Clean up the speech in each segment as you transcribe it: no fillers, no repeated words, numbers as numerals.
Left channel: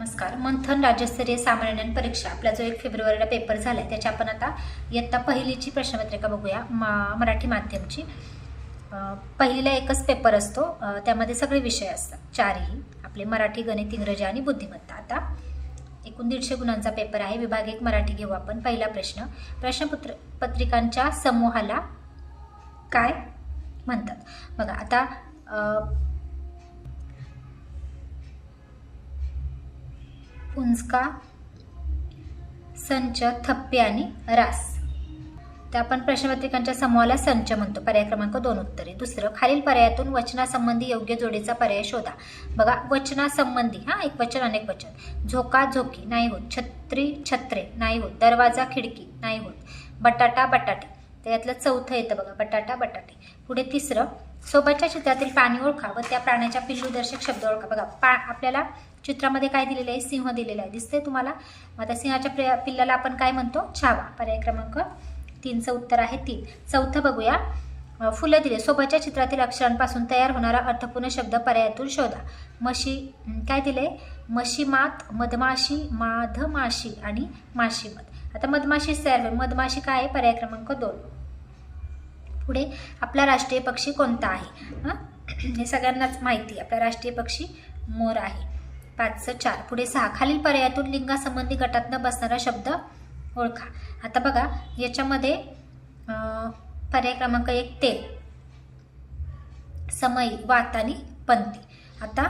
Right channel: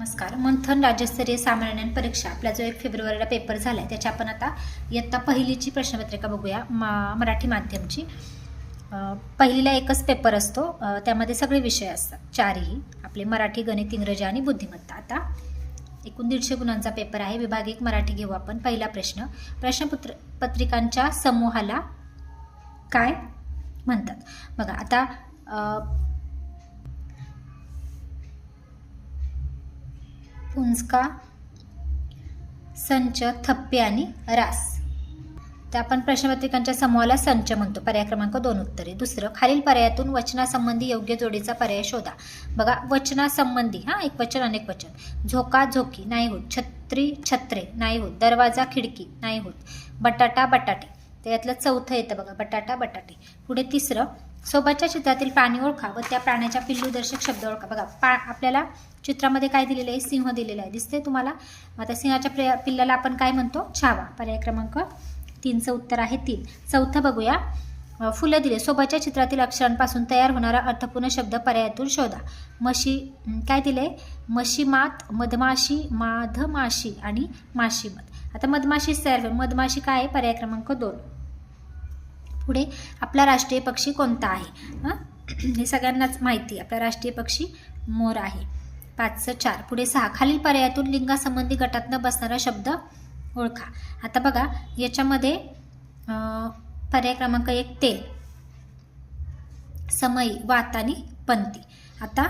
नमस्कार. मंथन राज्यस्तरीय सामान्य ज्ञान परीक्षा आपला जो 1 फेब्रुवारीला पेपर झाला आहे त्याच्या आपण आता इयत्ता पहिलीची प्रश्नपत्रिका बघूया. मराठी माध्यमची. पहिलीला एकच पेपर असतो, त्यामध्ये सगळे विषय असतात, चारही आपले मराठी, गणित, इंग्रजी आणि बुद्धिमत्ता. आता एकूण 150 गुणांचा पेपर आहे. विभाग 1 मराठी घेऊ आपण. पहिला प्रश्न, प्रश्नपत्रिकांच्या समूहाला काय म्हणतात? बघा आता पुंजका, संच, थप्पे आणि रास. तर आपण प्रश्नपत्रिकांच्या समूहाला संच म्हणतो. पर्याय क्रमांक 2 उत्तरे. दुसरं, खालील पर्यायातून वचनासंबंधी योग्य जोडीचा पर्याय शोधा. बघा वचनासंबंधी, एक वचन अनेक वचन. झोका झोकी नाही होत. छत्री छत्रे नाही होत. दरवाजा खिडकी नाही होत. बटाटा बटाटे. तर यातलं चौथं येतं बघा, बटाटा बटाटे. पुढे तिसरं, सोबतच्या चित्रातील प्राणी ओळखा व त्या प्राण्याच्या पिल्लूदर्शक शब्द ओळखा. बघा आपल्याला चित्रामध्ये काय दिलेलं आहे? सिंह दिलेला आहे, दिसतंय तुम्हाला? आता सिंहाच्या पिल्लाला आपण काय म्हणतो? छावा. पर्याय क्रमांक 3चं उत्तर आहे 3. चौथं बघूया, फुलं दिले. सोबतच्या चित्रातील अक्षरांपासून तयार होणारा अर्थपूर्ण शब्द पर्यायातून शोधा. म्हशी काय दिले? मशीमात, मधमाशी, माधमाशी आणि माशीमत. आता मधमाशीच तयार होईल. मधमाशी काय आहे? पर्याय क्रमांक 2. पुढे, आपला राष्ट्रीय पक्षी कोणता आहे? हे सगळ्यांनाच माहिती आहे, आपला राष्ट्रीय पक्षी मोर आहे. 5चं 4. पुढे 6, खालील पर्यायातून लिंगासंबंधी गटात न बसणारा शब्द ओळखा. आता बघा याच्यामध्ये पर्याय क्रमांक 1 तेल, समई, वात आणि पंथी. आता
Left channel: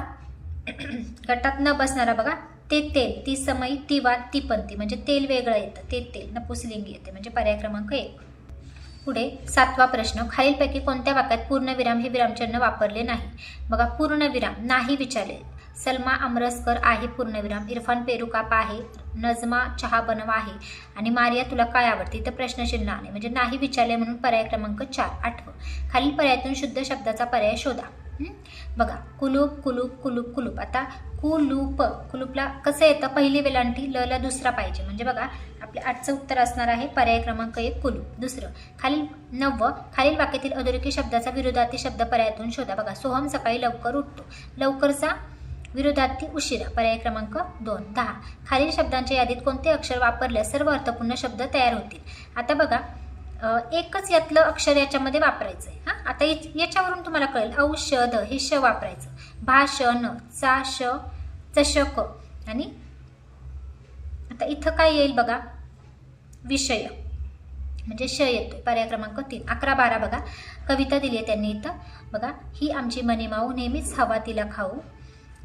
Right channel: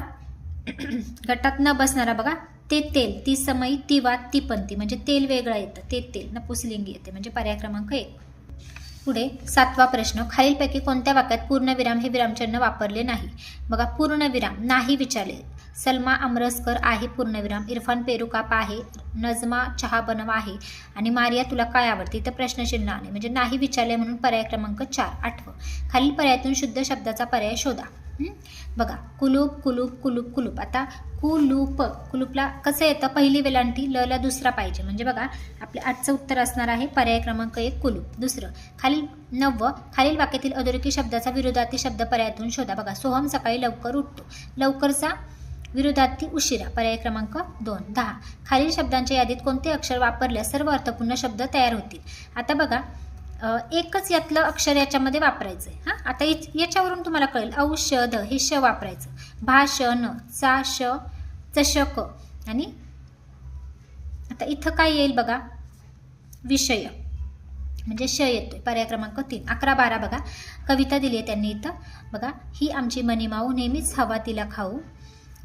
गटात न बसणारा बघा, ते तेल, ती समई, ती वात, ती पंथी. म्हणजे तेल वेगळं येतं, ते तेल नपुंसकलिंगी येते, म्हणजे पर्याय क्रमांक 1. पुढे 7वा प्रश्न, खालीलपैकी कोणत्या वाक्यात पूर्णविराम हे विरामचिन्ह वापरले नाही? बघा पूर्णविराम नाही विचारले. सलमा आमरसकर आहे पूर्णविराम. इरफान पेरुकाप आहे. नजमा चहा बनवा आहे. आणि मारिया तुला काय आवडते? इथं प्रश्नचिन्ह आहे, म्हणजे नाही विचारले म्हणून पर्याय क्रमांक 4. 8. खालील पर्यायातून शुद्ध शब्दाचा पर्याय शोधा. बघा कुलूप कुलूप कुलूप कुलूप. आता कुलूप, कुलूपला कसं येतं? पहिली वेलांटी, ल ला दुसरा पाहिजे. म्हणजे बघा आपल्या 8चं उत्तर असणार आहे पर्याय क्रमांक 1 कुलूप. दुसरं, खालील वाक्यातील अधोरेखित शब्दाचा विरोधार्थी शब्द पर्यायातून शोधा. बघा सोहम सकाळी लवकर उठतो. लवकरचा विरोधार्थी उशिरा. पर्याय क्रमांक 2. 10. खालील शब्दांच्या यादीत कोणते अक्षर वापरल्यास सर्व अर्थपूर्ण शब्द तयार होतील? आता बघा एकच यातलं अक्षर याच्यामध्ये वापरायचं आहे. आता याच्यावरून तुम्हाला कळेल. औषध हे श वापरायचं. भाषण, चा श, चषक. आणि आता इथं काय येईल बघा? विषय, म्हणजे श येतोय. पर्याय क्रमांक 3. 11, 12 बघा कविता दिली आहे त्यांनी इथं. बघा, ही आमची मनीमाऊ, नेहमीच हवा तिला खाऊ.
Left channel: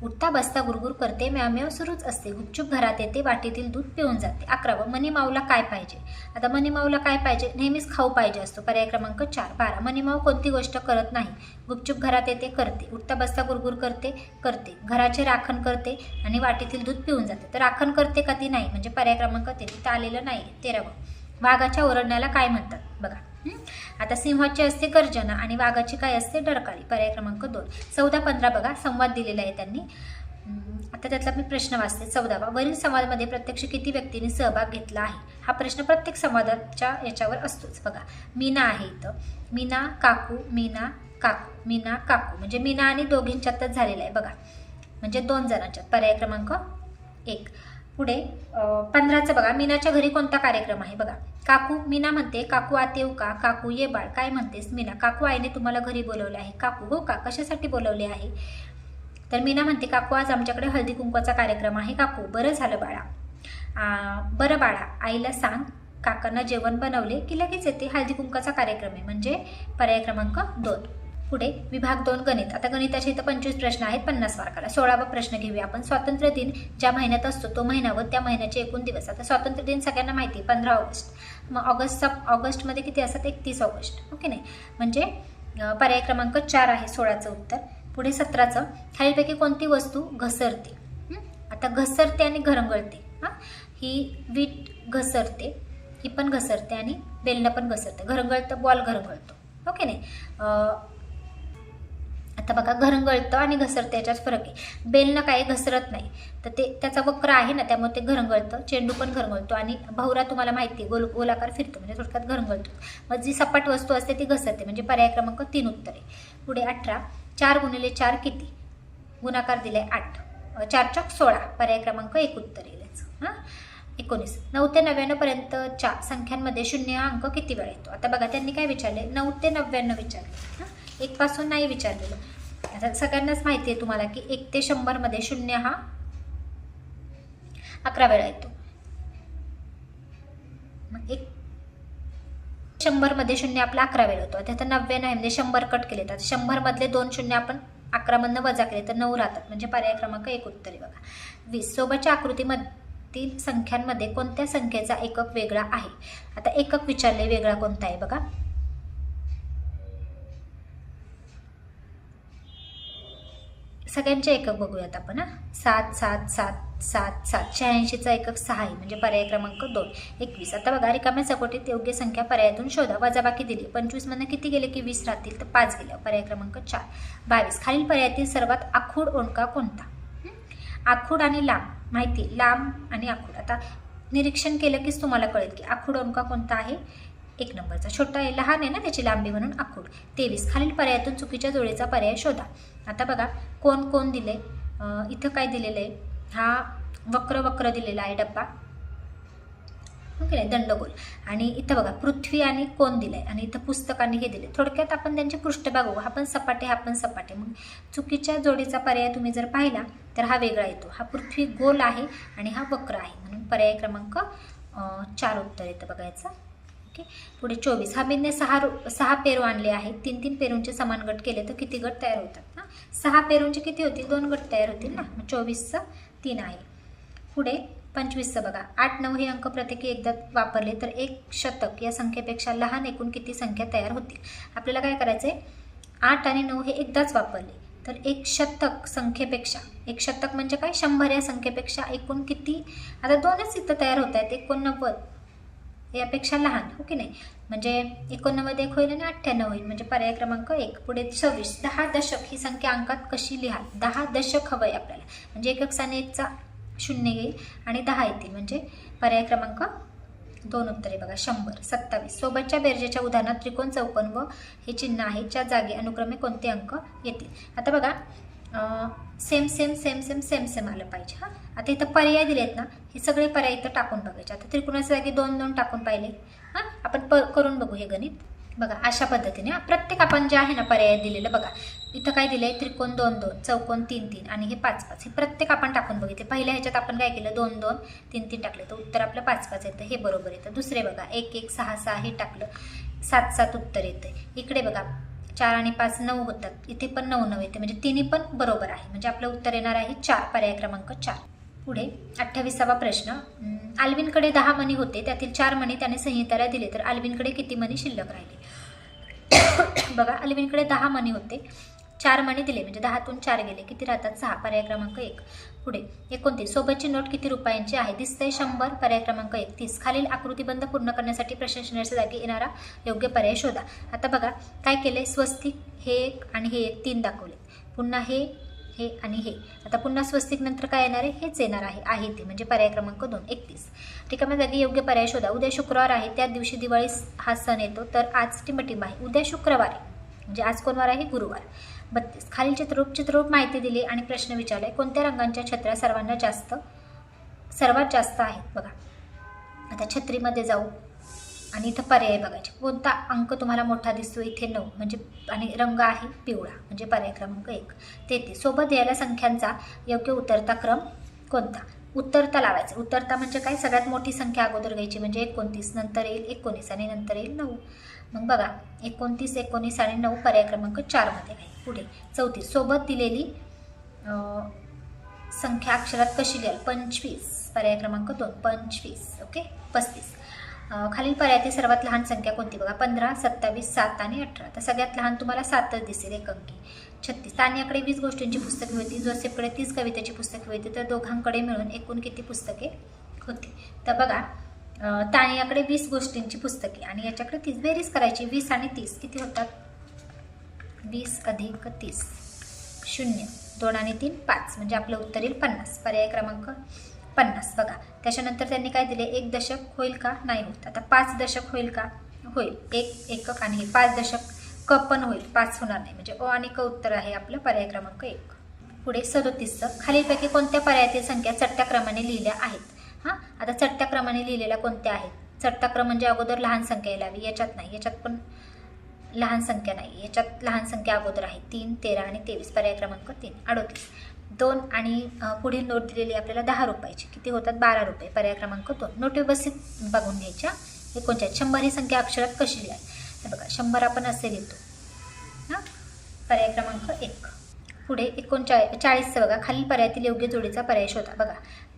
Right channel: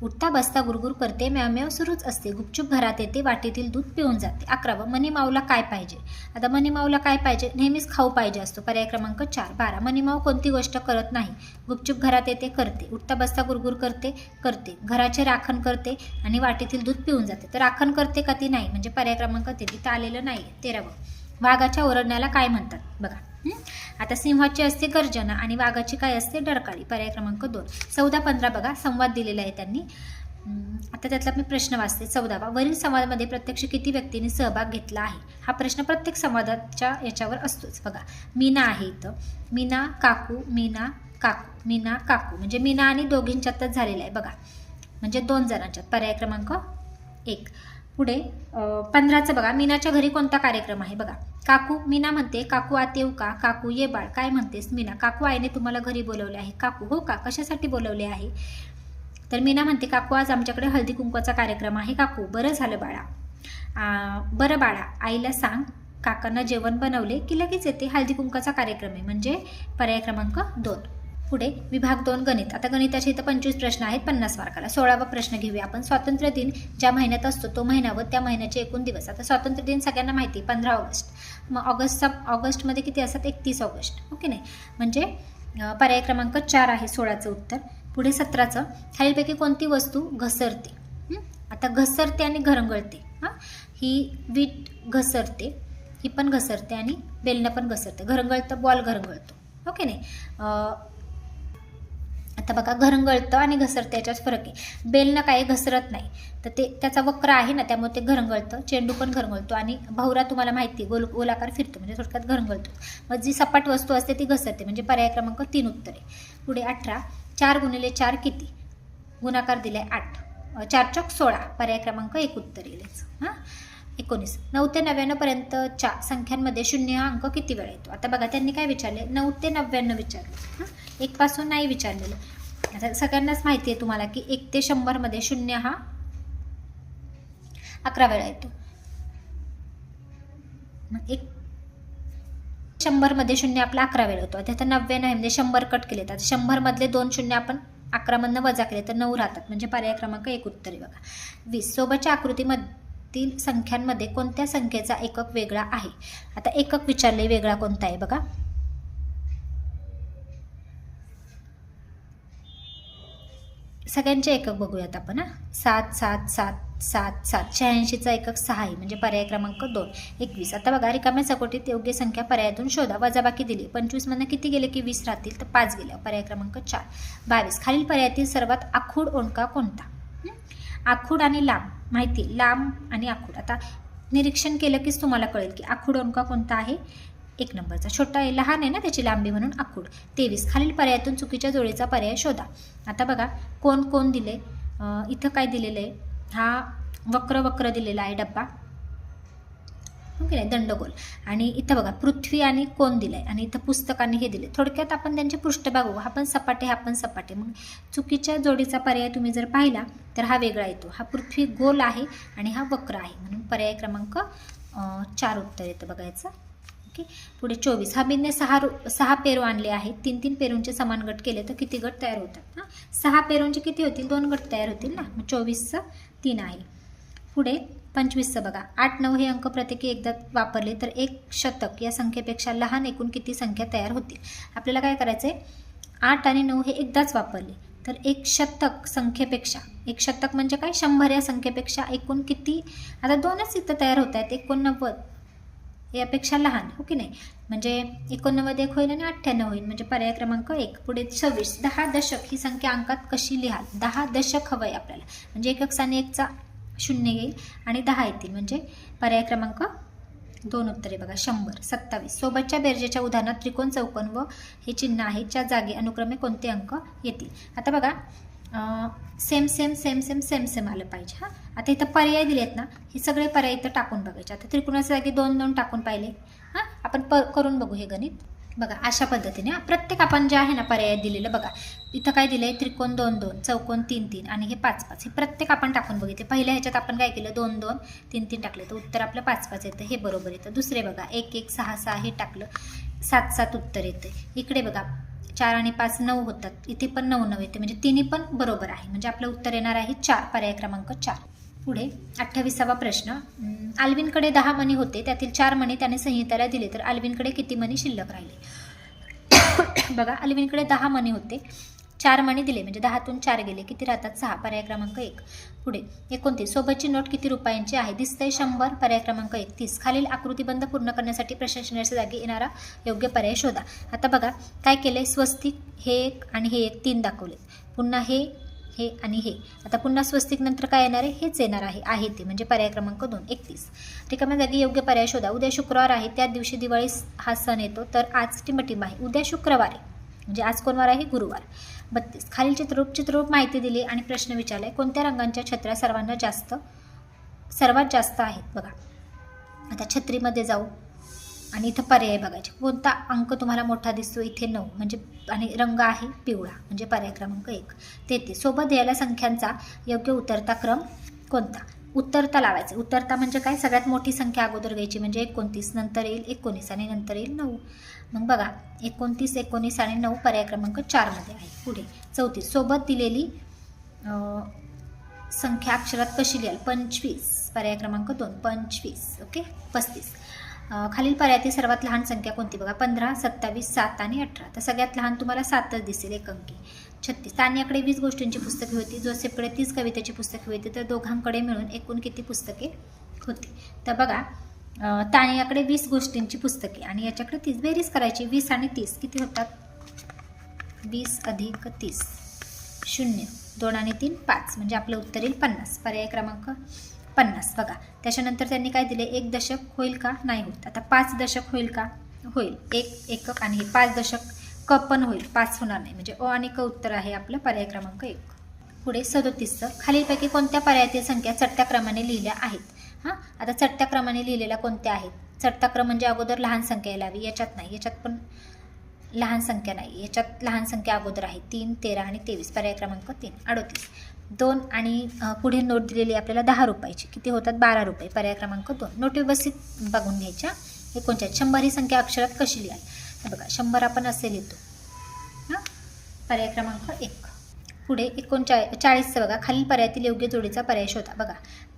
उठता बसता गुरगुर करते, म्याव सुरूच असते. गुपचूप घरात येते, वाटीतील दूध पिऊन जाते. 11. मनीमाऊला काय पाहिजे? आता मनीमाऊला काय पाहिजे? नेहमीच खाऊ पाहिजे असतो. पर्याय क्रमांक 4. 12. मनीमाऊ कोणती गोष्ट करत नाही? गुपचूप घरात येते, करते. उठता बसता गुरगुर करते, करते. घराचे राखण करते आणि वाटीतील दूध पिऊन जाते. तर राखण करते का ती? नाही, म्हणजे पर्याय क्रमांक 3 तिथं आलेलं नाही. 13. वाघाच्या ओरडण्याला काय म्हणतात? बघा आता सिंहाची असते गर्जना आणि वाघाची काय असते? डरकाळी. पर्याय क्रमांक 2. 14, 15 बघा संवाद दिलेला आहे त्यांनी. आता त्यातला मी प्रश्न वाचते. 14वा, वरील संवादामध्ये प्रत्यक्ष किती व्यक्तींनी सहभाग घेतला आहे? हा प्रश्न प्रत्येक संवादाच्या याच्यावर असतोच. बघा मीना आहे इथं. मीना काकू, मीना काकू, मीना काकू. म्हणजे मीना आणि दोघींच्यातच झालेला आहे बघा, म्हणजे 2 जणांच्यात. पर्याय क्रमांक 1. पुढे 15चं बघा, मीनाच्या घरी कोणता कार्यक्रम आहे? बघा काकू, मीना म्हणते काकू आत येऊ का? काकू ये बाळ. काय म्हणतेस मीना? काकू आईने तुम्हाला घरी बोलवले आहे. काकू हो का? कशासाठी बोलवले आहे? तर मीना म्हणते काकू आज आमच्याकडे हळदी कुंकवाचा कार्यक्रम आहे. काकू बरं झालं बाळा. बरं बाळा, आईला सांग काकांना जेवण बनवले की लगेच येते. हळदी कुंकवाचा कार्यक्रम आहे, म्हणजे पर्याय क्रमांक 2. पुढे विभाग 2 गणित. आता गणिताचे इथं 25 प्रश्न आहेत 50 मार्काला. 16वा प्रश्न घेऊया आपण. स्वातंत्र्य दिन ज्या महिन्यात असतो तो महिना व त्या महिन्याचे एकूण दिवस. आता स्वातंत्र्य दिन सगळ्यांना माहिती आहे 15 ऑगस्ट. मग ऑगस्टमध्ये किती असतात? 31 ऑगस्ट. ओके नाही, म्हणजे पर्याय क्रमांक 4 आहे 16चं उत्तर. पुढे 17चं, खालीलपैकी कोणती वस्तू घसरते? आता घसरते आणि घरंगळते. ही वीट घसरते, ही पण घसरते आणि बेलनं पण घसरते. घरंगळतं, बॉल घरंगळतो. ओके नाही. आता बघा घरंगळतं आणि घसरतं याच्यात फरक आहे. बेलनं काय घसरत नाही, तर ते त्याचा वक्र आहे ना, त्यामुळे ते घरंगळतं. चेंडू पण घरंगळतो आणि भवरा तुम्हाला माहिती आहे गोलाकार फिरतो, म्हणजे थोडक्यात घरंगळतो. मग जी सपाट वस्तू असते ती घसरते, म्हणजे पर्याय क्रमांक 3 उत्तर आहे. पुढे 18, 4 गुणिले 4 किती? गुणाकार दिलाय 8. 4 चौक 16, पर्याय क्रमांक 1 उत्तर येईल याचं. 19. 9 ते 99 पर्यंतच्या संख्यांमध्ये 0 हा अंक किती वेळा येतो? आता बघा त्यांनी काय विचारले, 9 ते 99 विचारले. 1 पासून नाही विचारलेलं. आता सगळ्यांनाच माहिती आहे तुम्हाला की 1 ते 100 मध्ये 0 हा 11 वेळा येतो. 100 मध्ये 0 आपला 11 वेळा येतो. आता 99 म्हणजे 100 कट केले तर 100 मधले 2 शून्य आपण 11 मधनं वजा केले तर 9 राहतात, म्हणजे पर्याय क्रमांक 1 उत्तर आहे बघा. 20. सोबतच्या आकृतीमधील संख्यांमध्ये कोणत्या संख्येचा एकक वेगळा आहे? आता एकक विचारले, वेगळा कोणता आहे बघा. सगळ्यांचे एकक बघूयात आपण. 7 7 7 7 7 86चा एकक 6 आहे, म्हणजे पर्याय क्रमांक 2. 21. आता बघा रिकाम्या चौकटीत योग्य संख्या पर्यायातून शोधा. वजाबाकी दिली. 25 मधनं किती गेले की 20 राहतील, तर 5 गेले, पर्याय क्रमांक 4. 22. खालील पर्यायातील सर्वात आखूड ओंडका कोणता? आखूड आणि लांब माहिती, लांब आणि आखूड. आता निरीक्षण केलं कीच तुम्हाला कळेल की आखूड ओंडका कोणता आहे. 1 नंबरचा. छोटा आहे, लहान आहे ना त्याची लांबी म्हणून आखूड. 23. खालील पर्यायातून चुकीच्या जोडीचा पर्याय शोधा. आता बघा कोण कोण दिले, इथं काय दिलेलं आहे, हा वक्र दिलेला आहे डब्बा, ओके नाही, दंडगोल. आणि इथं बघा पृथ्वी आणि कोण दिलंय, आणि इथं पुस्तकाने हे दिले. थोडक्यात आपण त्यांचे पृष्ठभाग बघू. हा पण सपाटे, हा पण सपाटे. मग चुकीच्या जोडीचा पर्याय तुम्ही जर पाहिला तर हा वेगळा येतो. हा पृथ्वी गोल आहे आणि हा वक्र आहे, म्हणून पर्याय क्रमांक 4 उत्तर येतं बघायचं. ओके. पुढे 24. हमीदने 6 पेरू आणले आहेत. 3-3 पेरूंचे समान गट केले तर किती गट तयार होतात? 6 पेरूंचे किती होतील? 2 गट तयार होतील ना. मग 24चं 3 आहे. पुढे 25चं बघा. 8 9 हे अंक प्रत्येकी एकदा वापरले तर 1 शतक या संख्येपेक्षा लहान एकूण किती संख्या तयार होतील? आपल्याला काय करायचंय, 8 आणि 9 हे एकदाच वापरले तर 1 शतक संख्येपेक्षा, 1 शतक म्हणजे काय, 100 या संख्येपेक्षा एकूण किती, आता 2च इथं तयार होत आहेत, 89 यापेक्षा लहान, हो की नाही. म्हणजे 89 1 होईल आणि 98 होईल, म्हणजे पर्याय क्रमांक 1. पुढे 26. 10 दशक ही संख्या अंकात कशी लिहाल? 10 दशक हवंय आपल्याला, म्हणजे एकक स्थानी 1चा 0 येईल आणि 10 येतील, म्हणजे पर्याय क्रमांक 2 उत्तर आहे बघा. 100. 27. सोबतच्या बेरजेच्या उदाहरणात त्रिकोण, चौकोन व हे चिन्ह आहे, च्या जागी अनुक्रमे कोणते अंक येतील? आता बघा same same same same same same आलं पाहिजे. आता इथं पर्याय दिलेत ना, हे सगळे पर्याय इथं टाकून बघायचे. आता त्रिकोणाच्या जागी 2 2 टाकून पाहिले. आपण करून बघू हे गणित. बघा अशा पद्धतीने प्रत्येक आपण जे आहे ना पर्याय दिलेलं बघा, इथं काय दिलंय, त्रिकोण 2 2, चौकोन 3 3 आणि हे 5 5, हे प्रत्येक आपण टाकून बघितले. पहिल्या ह्याच्यात आपण काय केलं, 2 2 3 3 टाकलं तर उत्तर आपलं 5 5 येतं, हे बरोबर येतं. दुसरे बघा 1 1 6 6 हे टाकलं, 7 7 उत्तर येतं. इकडे बघा 4 आणि 5 9 होतात, इथे पण 9 9 येते, म्हणजे तिन्ही पण बरोबर आहे, म्हणजे आपलं उत्तर येणार आहे 4, पर्याय क्रमांक 4. पुढे 28वा प्रश्न. अल्विनकडे 10 मणी होते, त्यातील 4 मणी त्याने संहिताला दिले तर अल्विनकडे किती मणी शिल्लक राहिले? बघा अल्विनकडे 10 मणी होते, 4 मणी दिले, म्हणजे 10तून 4 गेले, किती राहतात? 6, पर्याय क्रमांक 1. पुढे 29. सोबतची नोट किती रुपयांची आहे? दिसतंय 100, पर्याय क्रमांक 1. 30. खालील आकृतीबंध पूर्ण करण्यासाठी प्रश्नचिन्हाच्या जागी येणारा योग्य पर्याय शोधा. आता बघा काय केलंय, स्वस्तिक हे एक आणि हे एक 3 दाखवले, पुन्हा हे आणि हे. आता पुन्हा स्वस्तिक नंतर काय येणार आहे? हेच येणार आहे ते, म्हणजे पर्याय क्रमांक 2. 31. रिकाम्या जागी योग्य पर्याय शोधा. उद्या शुक्रवार आहे, त्या दिवशी दिवाळी हा सण येतो, तर आज टिंबटिंब आहे. उद्या शुक्रवार आहे, म्हणजे आज कोण वार आहे? गुरुवार. 32. खालील चित्ररूप माहिती दिली आणि प्रश्न विचारलाय, कोणत्या रंगांच्या छत्र्या सर्वात जास्त आहेत? बघा आता छत्रीमध्ये जाऊ आणि इथं पर्याय बघायचे. कोणता अंक तुम्हाला मोठा दिसतो? इथे 9, म्हणजे आणि रंग आहे पिवळा, म्हणजे पर्याय क्रमांक 1. 33. सोबत द्यायला संख्यांचा योग्य उतरता क्रम कोणता? उतरता लावायचं. उतरता म्हणजे काय, सगळ्यात मोठी संख्या अगोदर घ्यायची, म्हणजे 29, नंतर येईल 19 आणि नंतर येईल 9. मग बघा 29 19 आणि 9 पर्याय क्रमांक 4 मध्ये आहे. पुढे 34. सोबत दिलेली संख्या अक्षरात कशी लिहाल? 25, पर्याय क्रमांक 2. 25. ओके. 35. खालील पर्यायातील सर्वात लहान संख्या कोणती? बघा 15 27 7 आणि 18. तर सगळ्यात लहान तुम्हाला 7च दिसेल, एक अंकी. 36. तान्याकडे 20 गोष्टींची पुस्तके होती, जोसेफकडे 30 कवितेची पुस्तके होती, तर दोघांकडे मिळून एकूण किती पुस्तके होती? तर बघा तान्याकडे 20 गोष्टींची पुस्तके आणि याच्याकडे 30, बेरीज करायची. 20 आणि 30 किती होतात? 20 अधिक 30 0, 2 आणि 3 5, म्हणजे आपलं उत्तर येईल 50, पर्याय क्रमांक 50. बघा त्याच्यानंतर त्यांनी काय दिले, 1 दशक होईल का? नाही होत. आता 5 दशक होईल का? होईल. 1 एकक आणि हे 5 दशक क पण होईल, 5 होणार नाही, म्हणजे अ आणि क उत्तर आहे आपलं पर्याय क्रमांक 1. पुढे 37 खालीलपैकी कोणत्या पर्यायातील संख्या चढत्या क्रमाने लिहिल्या आहेत? हां, आता चढत्या क्रमाने लिहिलेल्या कोणत्या आहेत? चढता क्रम म्हणजे अगोदर लहान संख्या यावी, याच्यात नाही, याच्यात पण लहान संख्या नाही, याच्यात लहान संख्या अगोदर आहे. 3, 13 आणि 23. पर्याय क्रमांक 3 38. 2 आणि पुढे नोट दिलेली आपल्याला 10 रुपयाची, किती होतात? 12 रुपये. पर्याय क्रमांक 2. नोट व्यवस्थित बघून घ्यायच्या. 39 100 ही संख्या अक्षरात कशी लिहाय? बघा 100 आपण असे लिहितो हां. पर्याय क्रमांक 1. पुढे 39 बघा, खालील पर्यायातील योग्य जोडीचा पर्याय शोधा. बघा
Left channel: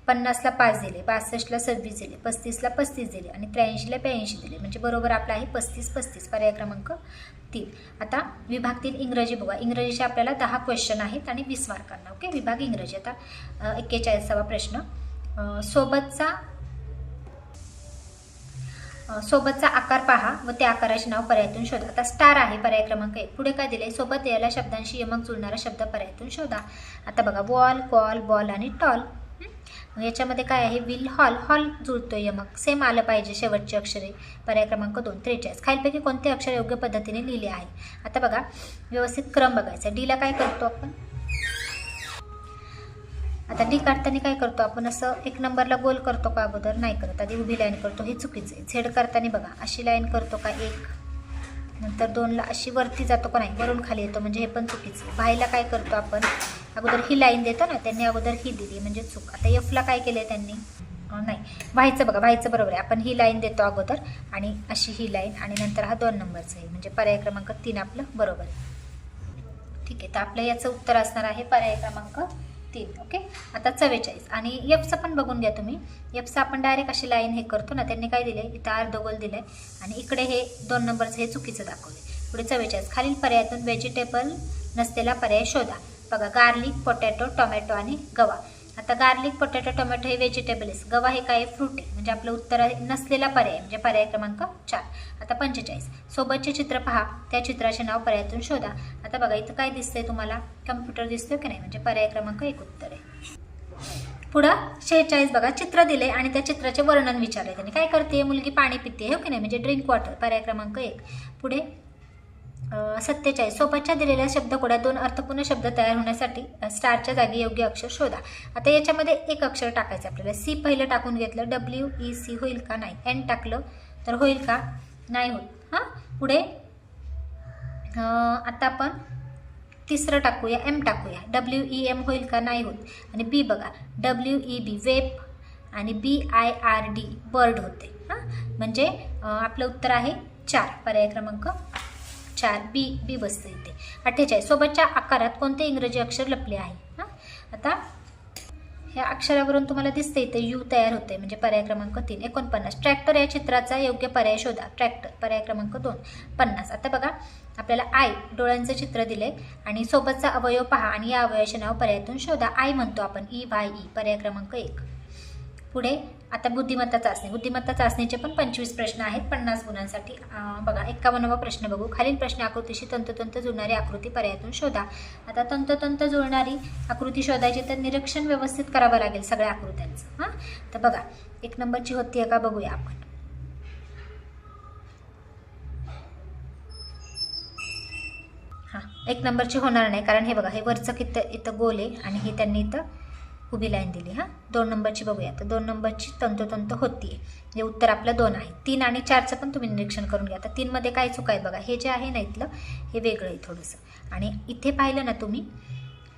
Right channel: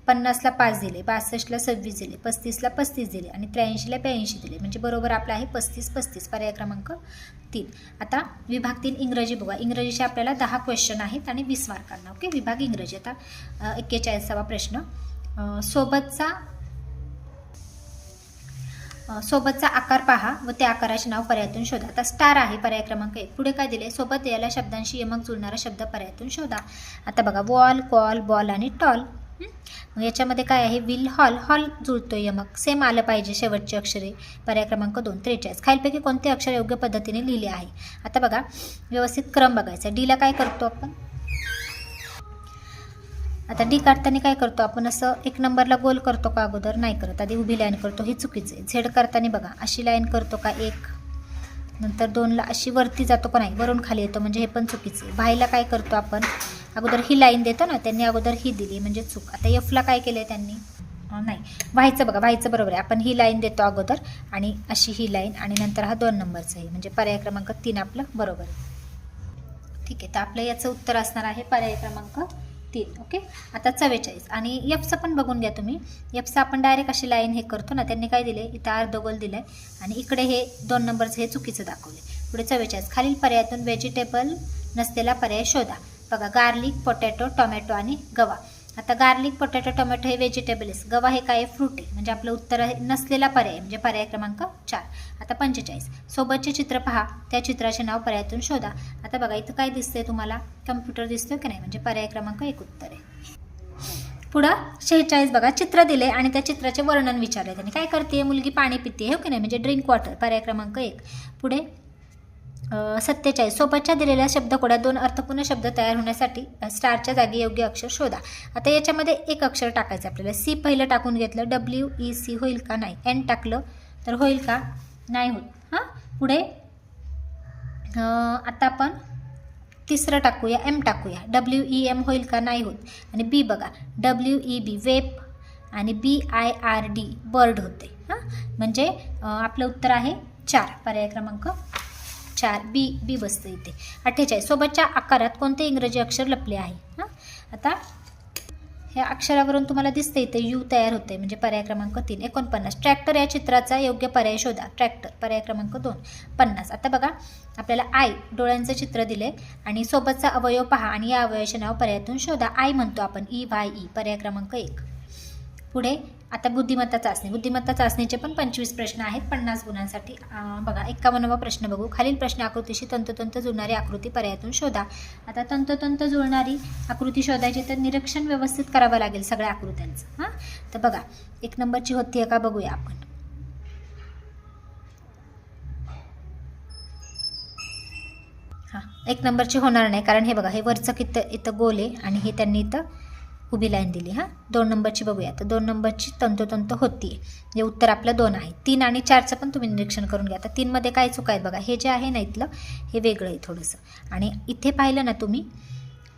50ला 5 दिले, 62ला 26 दिले, 35ला 35 दिले आणि 83ला 82 दिले, म्हणजे बरोबर आपला आहे 35 35. पर्याय क्रमांक 3. आता विभाग 3 इंग्रजी बघा. इंग्रजीचे आपल्याला 10 क्वेश्चन आहेत आणि 20 मार्कांना. ओके, विभाग इंग्रजी. आता 41वा प्रश्न. सोबतचा आकार पहा व त्या आकाराचे नाव पर्यायातून शोधा. आता स्टार आहे पर्याय क्रमांक 1. पुढे काय दिले? सोबत याला शब्दांशी यमक जुळणारा शब्द पर्यायातून शोधा. आता बघा वॉल, कॉल, बॉल आणि टॉल. मग याच्यामध्ये काय आहे? Will, hall. हॉल जुळतोय यमक, सेम आलं पाहिजे शेवटची अक्षरे. पर्याय क्रमांक 2. 43 खालीलपैकी कोणते अक्षर योग्य पद्धतीने लिहिले आहे? आता बघा व्यवस्थित क्रम बघायचा. डीला काय करतो आपण? आता डी काढताना काय करतो आपण? असं 1 नंबरला गोल करतो का? अगोदर नाही करत, आधी उभी लाईन करतो, हे चुकीचं आहे. झेड करताना बघा अशी लाईन करतो का? 1 नंतर 2ला अशी वरती जातो का? नाही, वरून खाली येतो, म्हणजे हे पण चुकीचं आहे. भाईला काय करतो आपण? अगोदर ही लाईन देतो ना, त्यांनी अगोदर ही दिली म्हणजे चूक. आता एफला काय केलं आहे त्यांनी? नाही, व्हायचं बघा, व्हायचं बरोबर आहे. आपण ही लाईन देतो अगोदर आणि अशी ही लाईन आणि नंतर हा 2 नंबरचा आहे, म्हणजे पर्याय क्रमांक 3 आपलं बरोबर आहे. ठीक आहे, तर आपलं याचं उत्तर असणार आहे पर्याय क्रमांक 3. ओके, आता 44 आणि एफचं पण बघून घ्या तुम्ही. एफचं आपण डायरेक्ट अशी लाईन हे करतो ना, त्यांनी काय दिले? इथं अर्धगोल दिलं आहे आणि इकडे हे 2 नंबरचं हे चुकीचं दाखवले. पुढे 44 खालील पर्यायातून व्हेजिटेबल नसलेला पर्याय शोधा. बघा गार्लिक, पोटॅटो, टोमॅटो आणि गवा. आता गार्लिक, पोटॅटो, टोमॅटो हे व्हेजिटेबल्स, गवा हे काय? फ्रूट आहे, म्हणजे आपलं उत्तर आहे नसलेला पर्याय, म्हणजे पर्याय क्रमांक 4. आता 45 सोबतचे चित्र पहा, त्या चित्राचे नाव पर्यायातून शोधा. आता बघा इथं काय दिसतंय तुम्हाला? कम्प्युटर दिसतोय की नाही, म्हणजे पर्याय क्रमांक 1 उत्तर आहे. पुढं 46 बघा, चित्र दिले आणि त्या चित्राचे वर्णन विचारले. त्यांनी काय करते? मुलगी पाणी पिते, हो की नाही, म्हणजे ड्रिंक वॉटर. पर्याय क्रमांक 1. पुढे 47 सोबतच्या दिलेल्या शब्दकोड्यात 2 अर्थपूर्ण शब्द तयार होण्यासाठी स्टारच्या जागी योग्य अक्षर शोधा. आता याच्यामध्ये एक अक्षर टाकायचं आपल्याला. सी पहिलं टाकून घेतलं, WEC होईल का? नाही. एन टाकलं तर होईल का? नाही होत. हां, पुढे आता आपण तिसरं टाकूया, एम टाकूया. WEM होईल का? नाही होत. आणि बी बघा, WEB वेप आणि BIRD बर्ड होते. हां, म्हणजे आपलं उत्तर आहे 4. पर्याय क्रमांक 4 बी बसतं इथे. 48 सोबतच्या आकारात कोणते इंग्रजी अक्षर लपले आहे? हां, आता ह्या अक्षरावरून तुम्हाला दिसते इथे यू तयार होते, म्हणजे पर्याय क्रमांक 3. 49 ट्रॅक्टर या चित्राचा योग्य पर्याय शोधा. ट्रॅक्टर पर्याय क्रमांक 2. 50 आता बघा आपल्याला आय डोळ्यांचं चित्र दिलंय आणि सोबतचा अवयव पहा आणि या अवयवाचे नाव पर्यायातून शोधा. आय म्हणतो आपण EYE. पर्याय क्रमांक 1. पुढे आता बुद्धिमत्ता चाचणी. बुद्धिमत्ता चाचणीचे पण 25 प्रश्न आहेत 50 गुणांसाठी. बघा 51वा प्रश्न बघू. खालील प्रश्न आकृतीशी तंतोतंत जुळणारी आकृती पर्यायातून शोधा. आता तंतोतंत जुळणारी आकृती शोधायची तर निरीक्षण व्यवस्थित करावं लागेल सगळ्या आकृत्यांचं. हां, तर बघा 1 नंबरची होती का बघूया आपण. हां, 1 नंबरची होणार नाही, कारण हे बघा हे वरचं किती इथं गोल आहे आणि हे त्यांनी इथं उभी लाईन दिली. हां, 2 नंबरची बघूया. तर 2 नंबरची तंतोतंत होती, म्हणजे उत्तर आपलं 2 आहे. 3 आणि 4चं पण तुम्ही निरीक्षण करून घ्या. तर 3 मध्ये काय चूक आहेत बघा, हे जे आहे ना इथलं हे वेगळं आहे थोडंसं, आणि इथे पाहिलं ना तुम्ही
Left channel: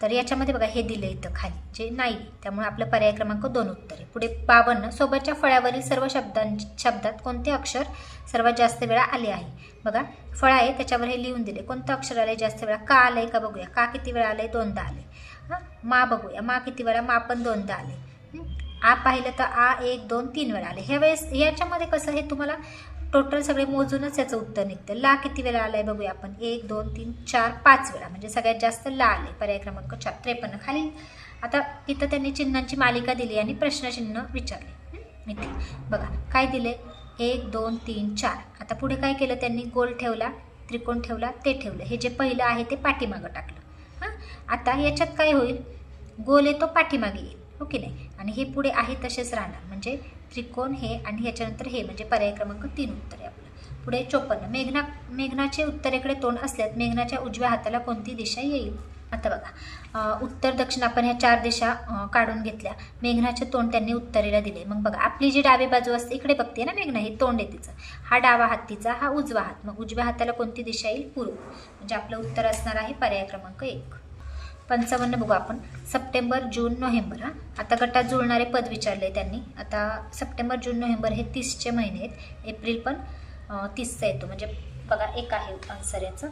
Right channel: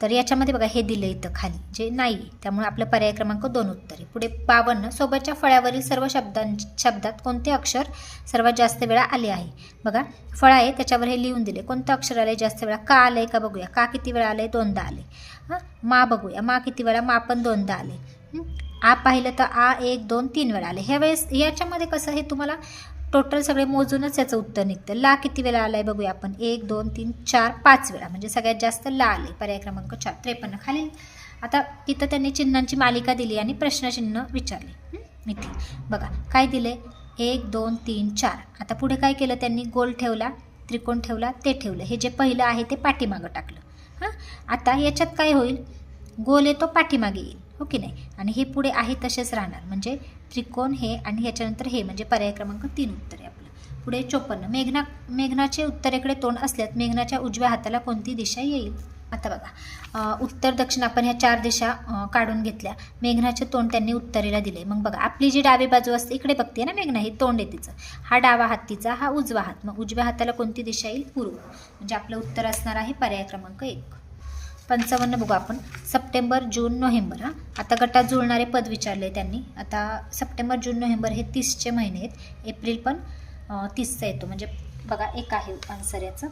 तर याच्यामध्ये बघा हे दिलं इथं खाली जे नाही, त्यामुळे आपलं पर्याय क्रमांक 2 उत्तर आहे. पुढे 52 सोबतच्या फळ्यावरील सर्व शब्दात कोणते अक्षर सर्वात जास्त वेळा आले आहे? बघा फळ आहे त्याच्यावर हे लिहून दिले, कोणतं अक्षर आले जास्त वेळा? का आलंय का बघूया. का किती वेळा आलंय? 2दा आले. हां, मा बघूया, मा किती वेळा? मा पण 2दा आले. आ पाहिलं तर आ 1 2 3 वेळा आले. ह्या वेळेस याच्यामध्ये कसं हे तुम्हाला टोटल सगळे मोजूनच याचं उत्तर निघतं. ला किती वेळा आलाय बघूया आपण. 1 2 3 4 5 वेळा, म्हणजे सगळ्यात जास्त ला आले. पर्याय क्रमांक 4. 53 खालील आता तिथं त्यांनी चिन्हांची मालिका दिली आणि प्रश्नचिन्ह विचारले. इथे बघा काय दिले, 1 2 3 4. आता पुढे काय केलं त्यांनी? गोल ठेवला, त्रिकोण ठेवला, ते ठेवलं. हे जे पहिलं आहे ते पाठीमागं टाकलं. हां, आता याच्यात काय होईल? गोल येतो पाठीमागे येईल, हो की नाही, आणि हे पुढे आहे तसेच राहणार, म्हणजे त्रिकोण हे आणि ह्याच्यानंतर हे, म्हणजे पर्याय क्रमांक 3 उत्तर आहे आपलं. पुढे 54 मेघनाचे उत्तरेकडे तोंड असल्यास मेघनाच्या उजव्या हाताला कोणती दिशा येईल? आता बघा उत्तर दक्षिण आपण ह्या 4 दिशा काढून घेतल्या. मेघनाचे तोंड त्यांनी उत्तरेला दिले. मग बघा आपली जी डावी बाजू असते इकडे बघते ना मेघना, ही तोंड आहे तिचं. हा डावा हात तिचा, हा उजवा हात. मग उजव्या हाताला कोणती दिशा येईल? पूर्व. म्हणजे आपलं उत्तर असणार आहे पर्याय क्रमांक 1. 55 बघू आपण. सप्टेंबर, जून, नोव्हेंबर. आता गटात जुळणारे पद विचारले त्यांनी. आता सप्टेंबर, जून, नोव्हेंबर हे 30चे महिने आहेत. एप्रिल पण 30चा येतो. म्हणजे बघा एक आहे आन्सर याचं.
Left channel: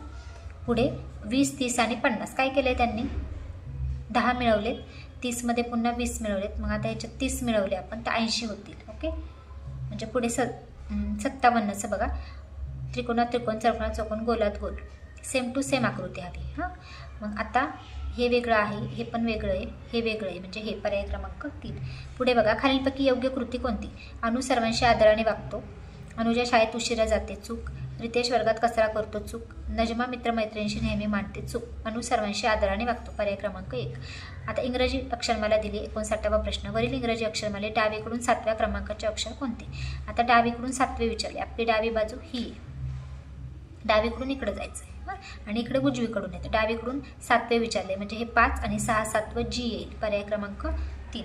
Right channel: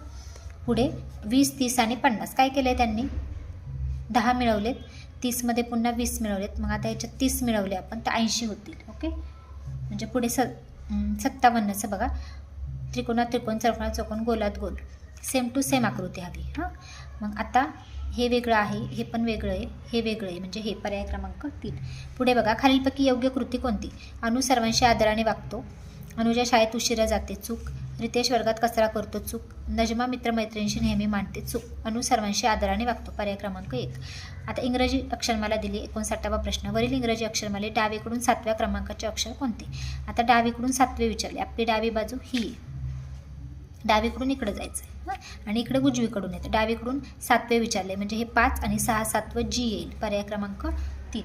पुढे 20, 30 आणि 50 काय केलं आहे त्यांनी? 10 मिळवलेत. 30मध्ये पुन्हा 20 मिळवलेत. मग आता याच्यात 30 मिळवले आपण तर 80 होतील. ओके. म्हणजे पुढे 57चं बघा. त्रिकोणात त्रिकोण, चौकोनात चौकोन, गोलात गोल. सेम टू सेम आकृती हवी. हां, मग आता हे वेगळं आहे, हे पण वेगळं आहे, हे वेगळं आहे. म्हणजे हे पर्याय क्रमांक 3. पुढे बघा खालीलपैकी योग्य कृती कोणती? अनु सर्वांशी आदराने वागतो. अनुजा शाळेत उशिरा जाते. चूक. रितेश वर्गात कचरा करतो. चूक. नजमा मित्रमैत्रिणींशी नेहमी मांडते. चूक. अनु सर्वांशी आदराने वागतो. पर्याय क्रमांक 1. आता इंग्रजी अक्षरमाला दिली. 59वा प्रश्न. वरील इंग्रजी अक्षरमाले डावीकडून 7व्या क्रमांकाचे अक्षर कोणते? आता डावीकडून 7वे विचारले. आपली डावी बाजू ही आहे. डावीकडून इकडं जायचं आहे आणि इकडे उजवीकडून येतं. डावीकडून 7वे विचारले म्हणजे हे 5 आणि 6 7वं जी येईल. पर्याय क्रमांक 3.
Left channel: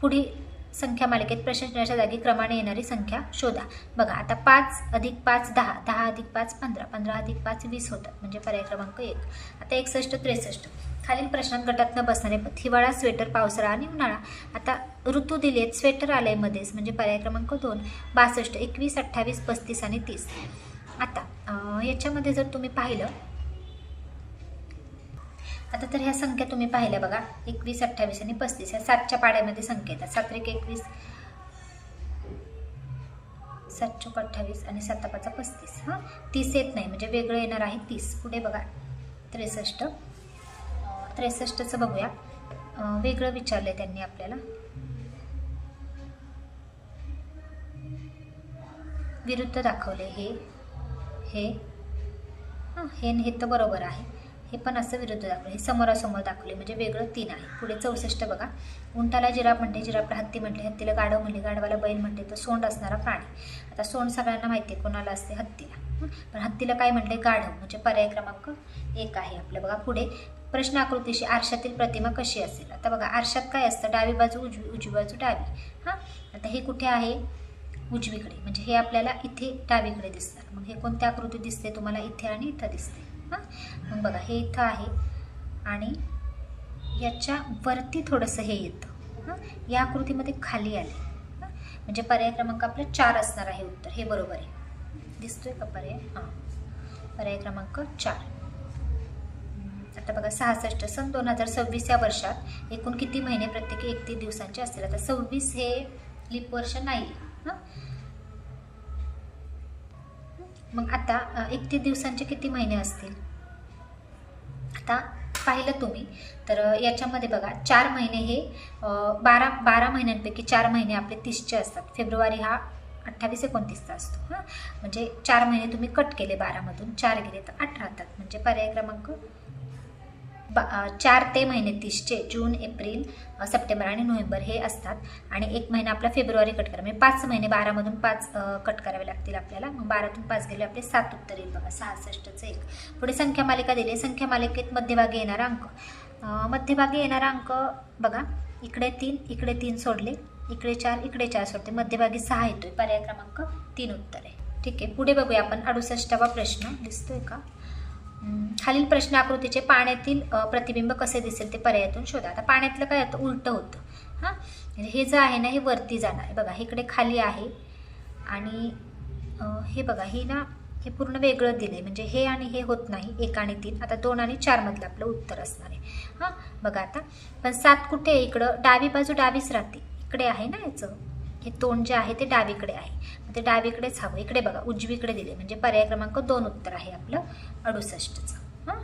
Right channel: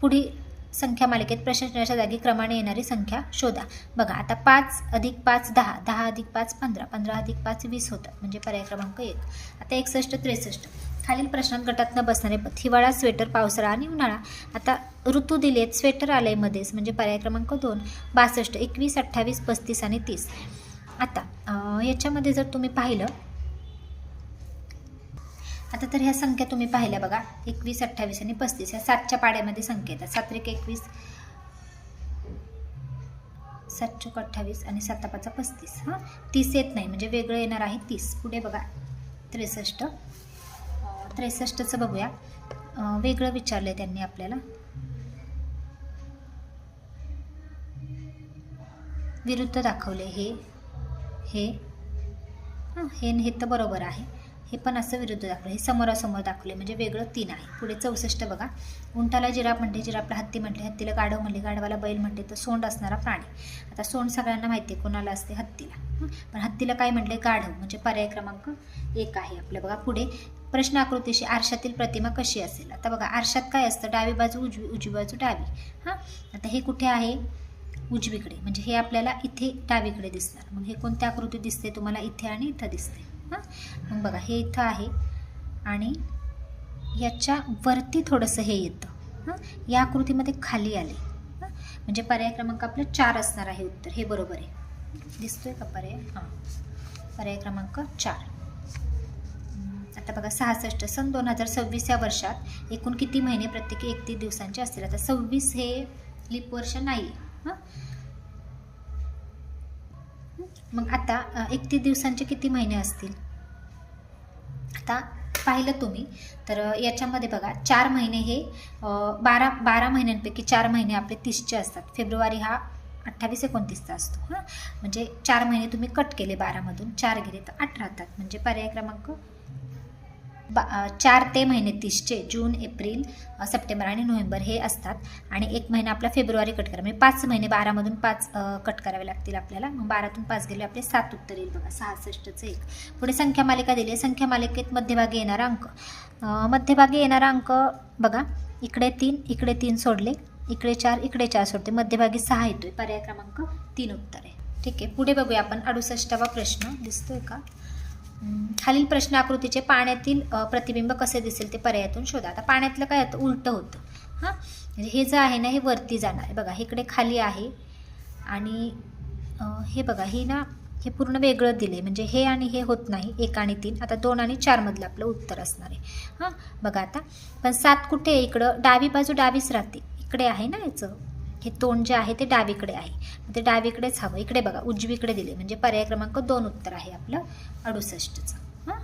पुढे संख्या मालिकेत प्रश्नचिन्हाच्या जागी क्रमाने येणारी संख्या शोधा. बघा आता 5 अधिक 5 10, 10 अधिक 5 15, 15 अधिक 5 20 होतात. म्हणजे पर्याय क्रमांक 1. आता 61 63. खालील प्रश्नात गटात न बसणारे पद. हिवाळा, स्वेटर, पावसाळा आणि उन्हाळा. आता ऋतू दिलेत. स्वेटर आले मध्येच म्हणजे पर्याय क्रमांक 2. 62 21 28 35 आणि 30. आता याच्यामध्ये जर तुम्ही पाहिलं आता तर ह्या संख्या तुम्ही पाहिल्या बघा. 21 28 आणि 35 ह्या 7च्या पाड्यामध्ये संख्या येतात. 7 1 21 7 चौक 28 आणि 7 5 35. हां, 30 येत नाही म्हणजे वेगळं येणार आहे 30. पुढे बघा 63. 63चं बघूया. वेगळं विचारलंय त्यांनी आपल्याला. विरुद्ध दाखवले. हे हे तर बरोबर आहे. हे पण असं विरुद्ध दाखवलं. हे समोरासमोर दाखवले म्हणजे वेगळं 3 आहे. पुढे 64 बघा. उंटाला जिराफ म्हणते, जिराफला हत्ती म्हटले, हत्तीला गाढव म्हणले, गाढवाला बैल म्हणते. तर सोंड असणारा प्राणी. आता सोंड सगळ्यांना माहिती आहे कोणाला असते? हत्तीला. पण हत्तीला काय म्हटले? गाढव. म्हणजे पर्याय क्रमांक 1 आहे आपलं. बघा पुढे प्रश्न आकृतीशी आरशातील प्रतिमा कशी असेल? आता बघा आरशात काय असतं? डावी बाजू उजवी, उजवी बाजू डावी. हां, आता हे कुठे आहे? उजवीकडे. म्हणजे हे आपल्याला इथे डावीकडे दिसणार. मग हे कोणत्या आकृती दिसते तुम्हाला? इथे आणि इथं दिसते. हां, मग बघा हे इथं आहे आणि याच्या वरती थोडंसं हे येतं. हां, या आकृतीमध्ये खाली आले. हां, म्हणजे पर्याय क्रमांक आपलं 4 असणार आहे उत्तर. हे बरोबर आहे. दिसतोय का पर्याय? हां, पर्याय क्रमांक 4. आता बघा 66. सन 2026 या वर्षात एकूण किती महिने प्रत्येकी 31 दिवसांचे असतील? आता 26 हे लीप वर्ष नाही. हां, मग आता 31 दिवसांचे किती महिने असतील? आता पाहिलं तुम्ही तर याच्यामध्ये बघा 4 महिने हे 12 महिन्यांपैकी 4 महिने आपले 30चे असतात. फेब्रुवारी हा 28 29चा असतो. हां, म्हणजे 4 महिने तुम्ही कट केले 12मधून 4 गेले तर 8 राहतात. म्हणजे पर्याय क्रमांक 4 ते महिने 30चे जून, एप्रिल, सप्टेंबर आणि नोव्हेंबर हे असतात. आणि 1 महिना आपला फेब्रुवारी कट करा. म्हणजे 5 महिने 12मधून 5 कट करावे लागतील आपल्याला. मग 12तून 5 गेले आपले 7 उत्तर येईल बघा. 66चं 1. पुढे संख्या मालिका दिली. संख्या मालिकेत मध्यभागी येणारा अंक. मध्यभागी येणारा अंक बघा इकडे 3 इकडे 3 सोडले, इकडे 4 इकडे 4 सोडते, मध्यभागी 6 येतोय. पर्याय क्रमांक 3 उत्तर आहे. ठीक आहे. पुढे बघूया आपण 68वा प्रश्न. दिसतोय का? खालील प्रश्न आकृतीचे पाण्यातील प्रतिबिंब कसे दिसेल ते पर्यायातून शोधा. आता पाण्यातलं काय होतं? उलटं होतं. हां, म्हणजे हे जे आहे ना हे वरती जाणार आहे बघा. इकडे खाली आहे आणि हे बघा हे पूर्ण वेगळं दिले. म्हणजे हे आणि हे होत नाही. 1 आणि 3. आता 2 आणि 4 मधलं आपलं उत्तर असणार आहे. हां, बघा आता पण 7 कुठे आहे? इकडं डावी बाजू डावीच राहते. इकडे आहे ना याचं हे तोंड जे आहे ते डावीकडे आहे. ते डावीकडेच हवं. इकडे बघा उजवीकडे दिले. म्हणजे पर्याय क्रमांक 2 उत्तर आहे आपलं 68चं. हां,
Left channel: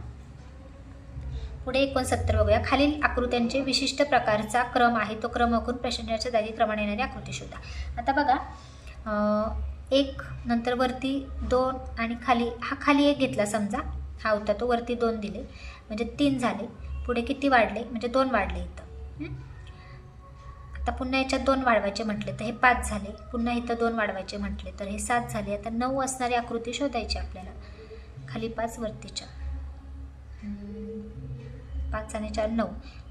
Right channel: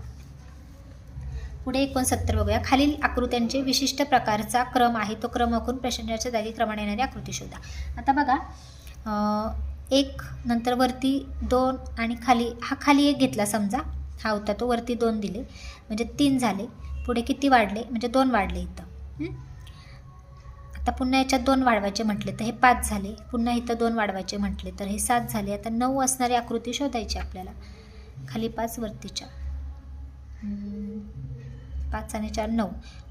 पुढे 69 बघूया. खालील आकृत्यांचे विशिष्ट प्रकारचा क्रम आहे. तो क्रम आखून प्रश्नाच्या जागी क्रमाने येणारी आकृती शोधा. आता बघा 1 नंतर वरती 2 आणि खाली 1 घेतला समजा. हा होता तो. वरती 2 दिले म्हणजे 3 झाले. पुढे किती वाढले? म्हणजे 2 वाढले इथं. आता पुन्हा याच्यात 2 वाढवायचे म्हटले तर हे 5 झाले. पुन्हा इथं 2 वाढवायचे म्हटले तर हे 7 झाले. आता 9 असणारी आकृती शोधायची आपल्याला. खाली 5 वरती 4. 5 आणि 4 9,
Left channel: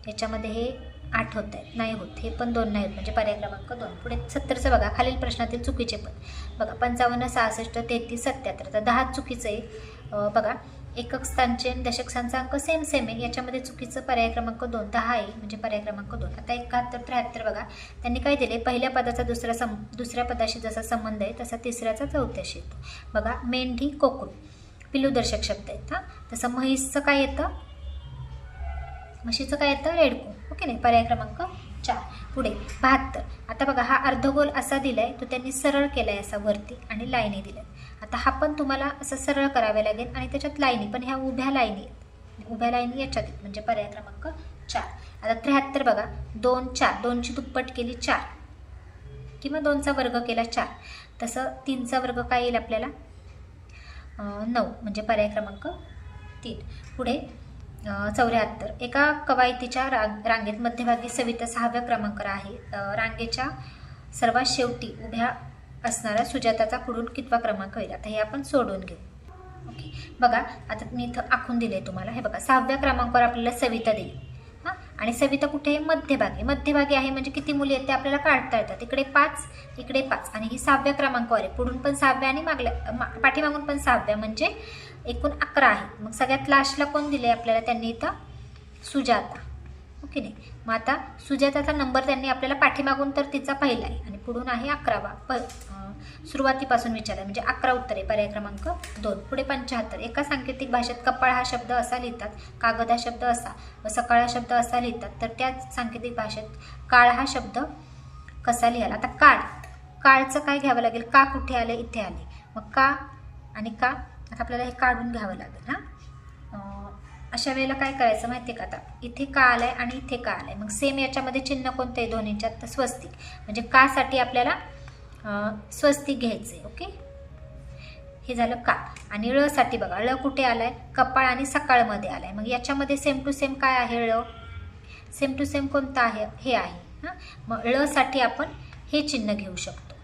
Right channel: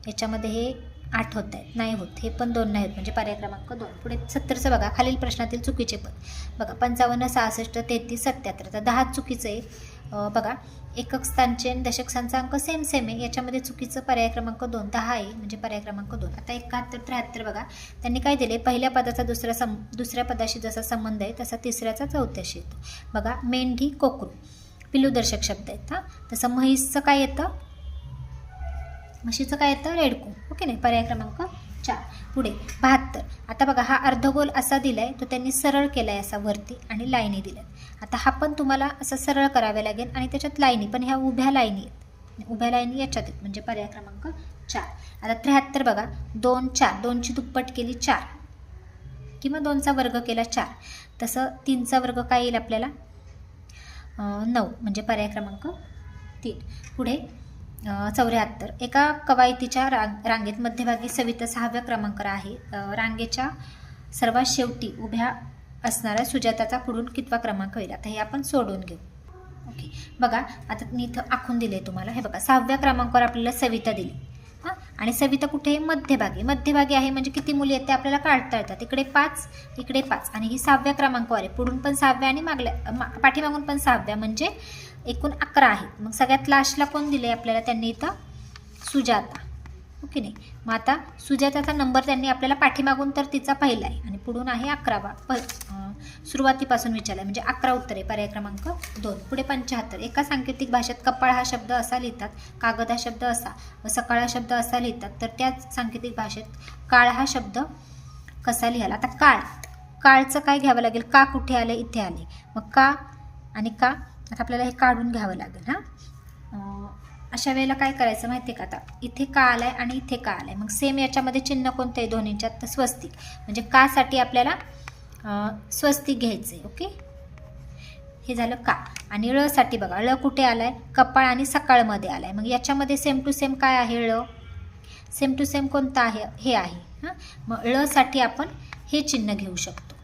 याच्यामध्ये हे 8 होत आहेत, नाही होत, हे पण 2 नाही होत, म्हणजे पर्याय क्रमांक 2. पुढे 70चं बघा, खालील प्रश्नातील चुकीचे पद बघा. 55, 66, 33, 77, तर 10 चुकीचं आहे. बघा, एकक स्थानचे आणि दशक स्थानचा अंक सेम आहे, याच्यामध्ये चुकीचं पर्याय क्रमांक 2, 10 आहे, म्हणजे पर्याय क्रमांक 2. आता 71, 73 बघा, त्यांनी काय दिले, पहिल्या पदाचा दुसऱ्या पदाशी जसा संबंध आहे तसा तिसऱ्याचा चौथ्याशी येतो. बघा, मेंढी, कोकरू पिलूदर्शक शब्द आहेत. तसं म्हैसचं काय येतं, म्हशीचं काय येतं, रेडकू. ओके नाही, पर्याय क्रमांक 4. पुढे 72, आता बघा, हा अर्धगोल असा दिलाय, तो त्यांनी सरळ केलाय असा वरती आणि लाईनी दिल्या. आता हा पण तुम्हाला असं सरळ करावे लागेल आणि त्याच्यात लाईनी, पण ह्या उभ्या लाईनी आहेत, उभ्या लाईनी याच्यात आहेत, म्हणजे पर्याय क्रमांक 4. आता 73 बघा, 2 4, 2ची दुप्पट केली 4, किंवा 2चा वर्ग केला 4, तसं 3चा वर्ग काय येईल आपल्याला, 9, म्हणजे पर्याय क्रमांक 3. पुढे 74, एका कवायतीच्या रांगेत मध्यभागी सविता 6व्या क्रमांकावर आहे. रांगेच्या सर्वात शेवटी उभ्या असणाऱ्या सुजाताचा पुढून कितवा क्रमांक होईल. आता हे आपण सोडून घेऊ. ओके, बघा, आता मी इथं आखून दिले तुम्हाला. हे बघा, 6व्या क्रमांकावर आपल्याला सविता दिली. आणि सविता कुठे, मध्यभागी आहे, म्हणजे किती मुली आहेत ते आपल्याला काढता येतात. इकडे 5, इकडे 5, आणि ही 6व्या क्रमांकावर आहे. पुढून पण 6व्या आणि पाठीमागून पण 6व्या, म्हणजे एकूण 11 आहे. मग सगळ्यात लास्टला कोण दिले आपल्याला, त्यांनी इथं सुजाता. ओके नाही, मग आता सुजाताचा नंबर त्यांनी आपल्याला पाठीमागून तर तिचा पहिला आहे आणि पुढून आहे 11वा, सुरुवातीपासून विचारला, म्हणजे 11 उत्तर आहे, पर्याय क्रमांक 2. पुढे 75, एका सांकेतिक भाषेत कपाळ हा शब्द असा लिहितात, कागद हा शब्द असा व सकाळ हा शब्द असा लिहितात, तर त्याच सांकेतिक भाषेत काळ हा शब्द कसा लिहाल. आता काळचं काय घ्यावं लागेल, का कुठे आले, इथे आले, मग का आणि का आता आपल्याला हे काढून घ्यावं लागेल. अशा वेळेला काय करायचं माहिती आहे का, आता इथे का आलाय आणि इथे का आलाय, मग सेम याच्यामध्ये चिन्ह कोणते आहे दोन्हींच्यात, तर स्वस्तिक, म्हणजे का साठी आपल्याला स्वस्तिक घ्यायचं आहे. ओके, हे झालं का. आणि ळ साठी बघा, ळ कुठे आलाय, कपाळ आणि सकाळमध्ये आलाय, मग याच्यामध्ये सेम टू सेम काय आहे, ळ सेम टू सेम कोणता आहे, हे आहे. मग ळ साठी आपण हे चिन्ह घेऊ शकतो,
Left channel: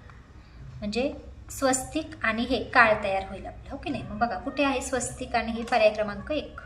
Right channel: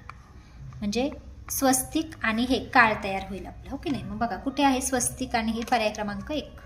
म्हणजे स्वस्तिक आणि हे काळ तयार होईल आपलं. ओके नाही, मग बघा कुठे आहे स्वस्तिक आणि हे, पर्याय क्रमांक 1.